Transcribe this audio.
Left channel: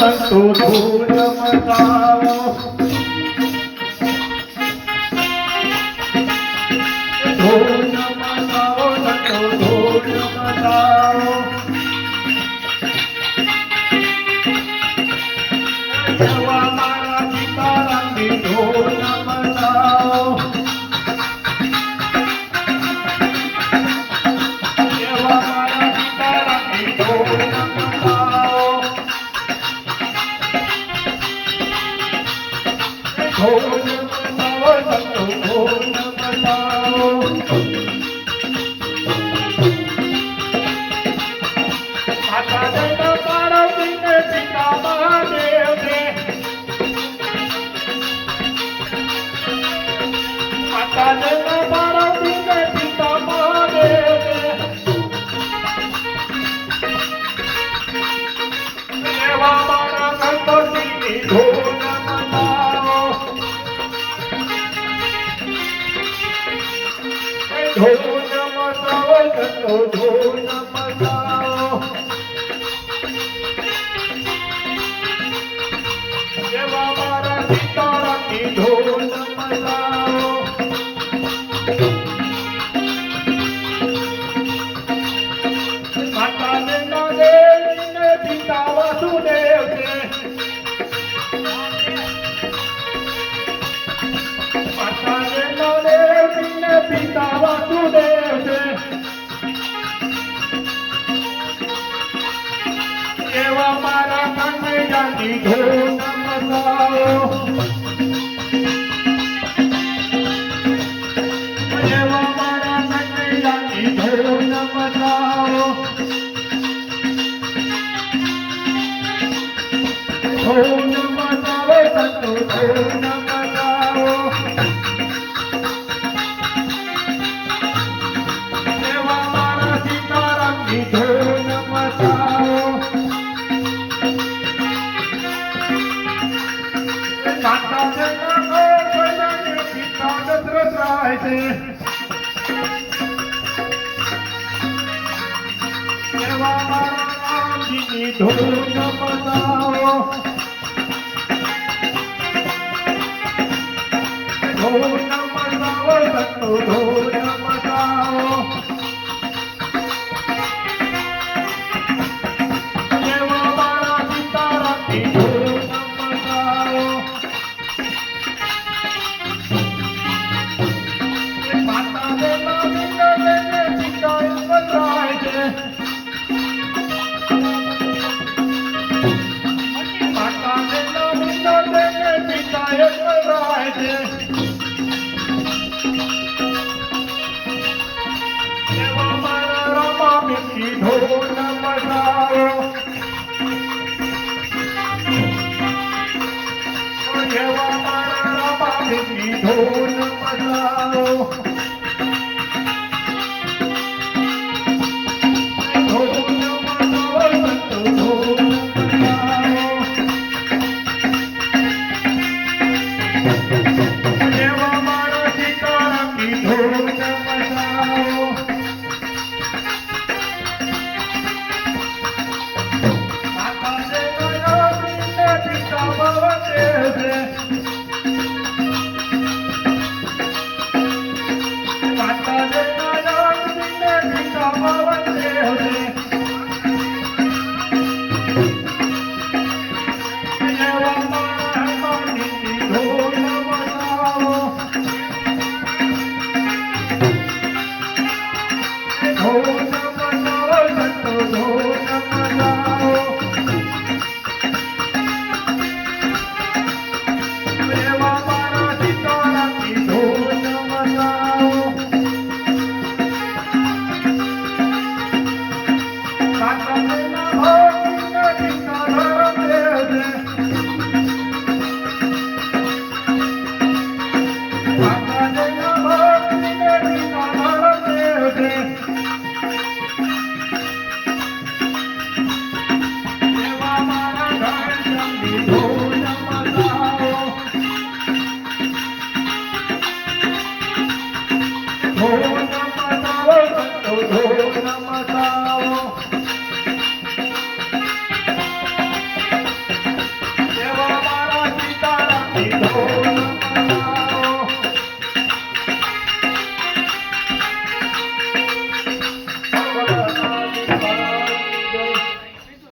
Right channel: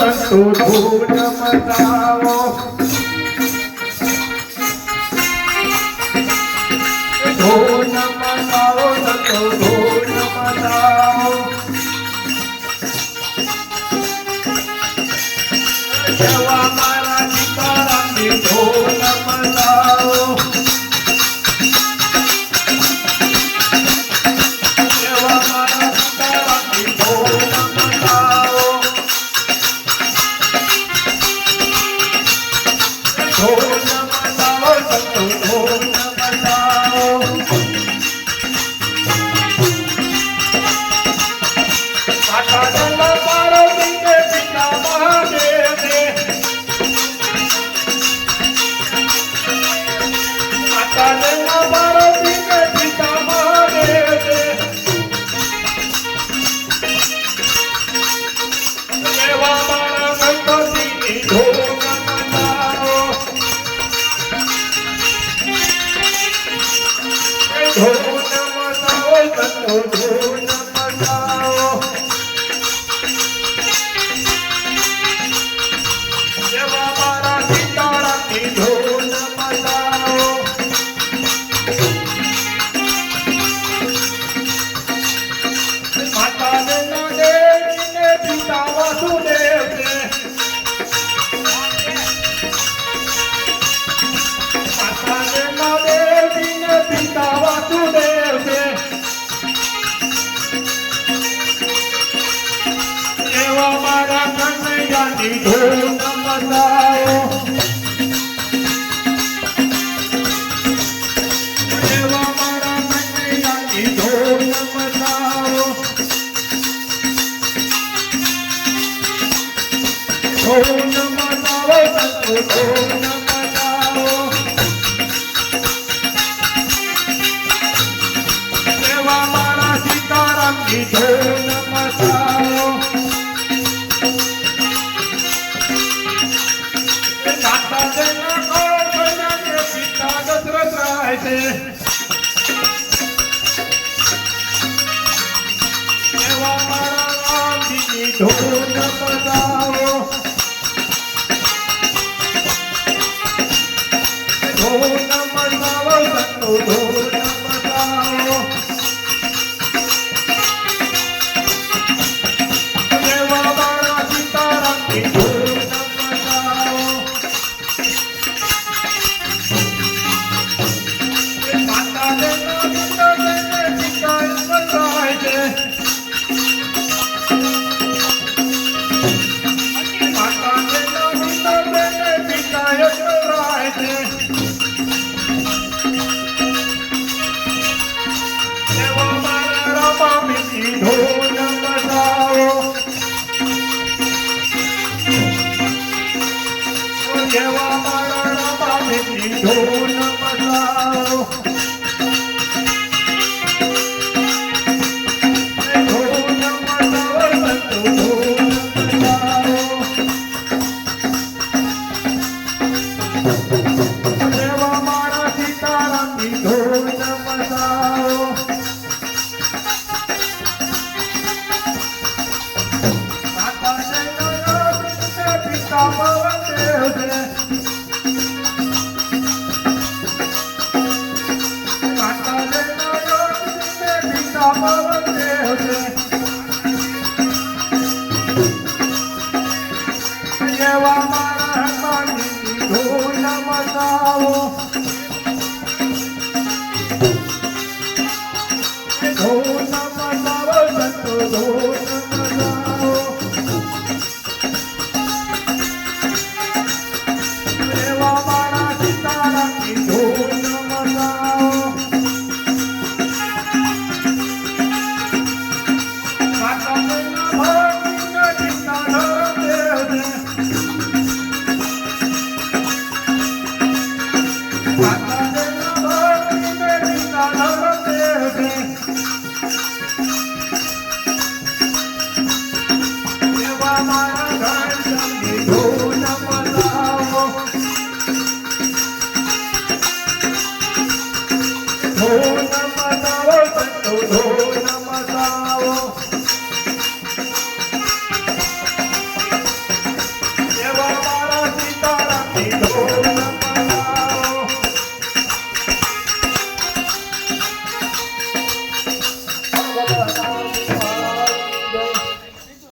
સંતો ધૂન મચાવો ધૂન મચાવો સંતો ધૂન મચાવો એવા મારા સીતારામની ધૂન મચાવો એવા મારા સીતારામની ધૂન મચાવો ધૂન મચાવો સંતો ધૂન મચાવો માતા જન્મ પાર્વતીને પિતા મહાદેવને માતા જન્મ પાર્વતીને પિતા મહાદેવને એવા મારા ગણપતિની ધૂન મચાવો ધૂન મચાવો સંતો ધૂન મચાવો એવા મારા સીતારામની ધૂન મચાવો માતા જન્મ દેવીને પિતા વાસુદેવને માતા જન્મ દેવીને પિતા વાસુદેવને એવા મારા કનૈયાની ધૂન મચાવો એવા મારા કનૈયાની ધૂન મચાવો ધૂન મચાવો સંતો ધૂન મચાવો એવા મારા સીતારામની ધૂન મચાવો માતા જન્મ કૌશલ્યાને પિતા દશરથ રાય છે એવા મારા રામજીની ધૂન મચાવો ધૂન મચાવો સંતો ધૂન મચાવો એવા મારા સીતારામની ધૂન મચાવો માતા જન્મ દેવીને પિતા રાય છે માતા જન્મ દેવીને પિતા રાય છે એવા મારા રામાની ધૂન મચાવો એવા મારા રામાની ધૂન મચાવો ધૂન મચાવો સંતો ધૂન મચાવો એવા મારા સીતારામની ધૂન મચાવો માતા જન્મ પિતા ભવદેવને માતા જન્મ પિતા ભવદેવને એવા મારા હનુમાનની ધૂન મચાવો ધૂન મચાવો સંતો ધૂન મચાવો એવા મારા સીતારામની ધૂન મચાવો ની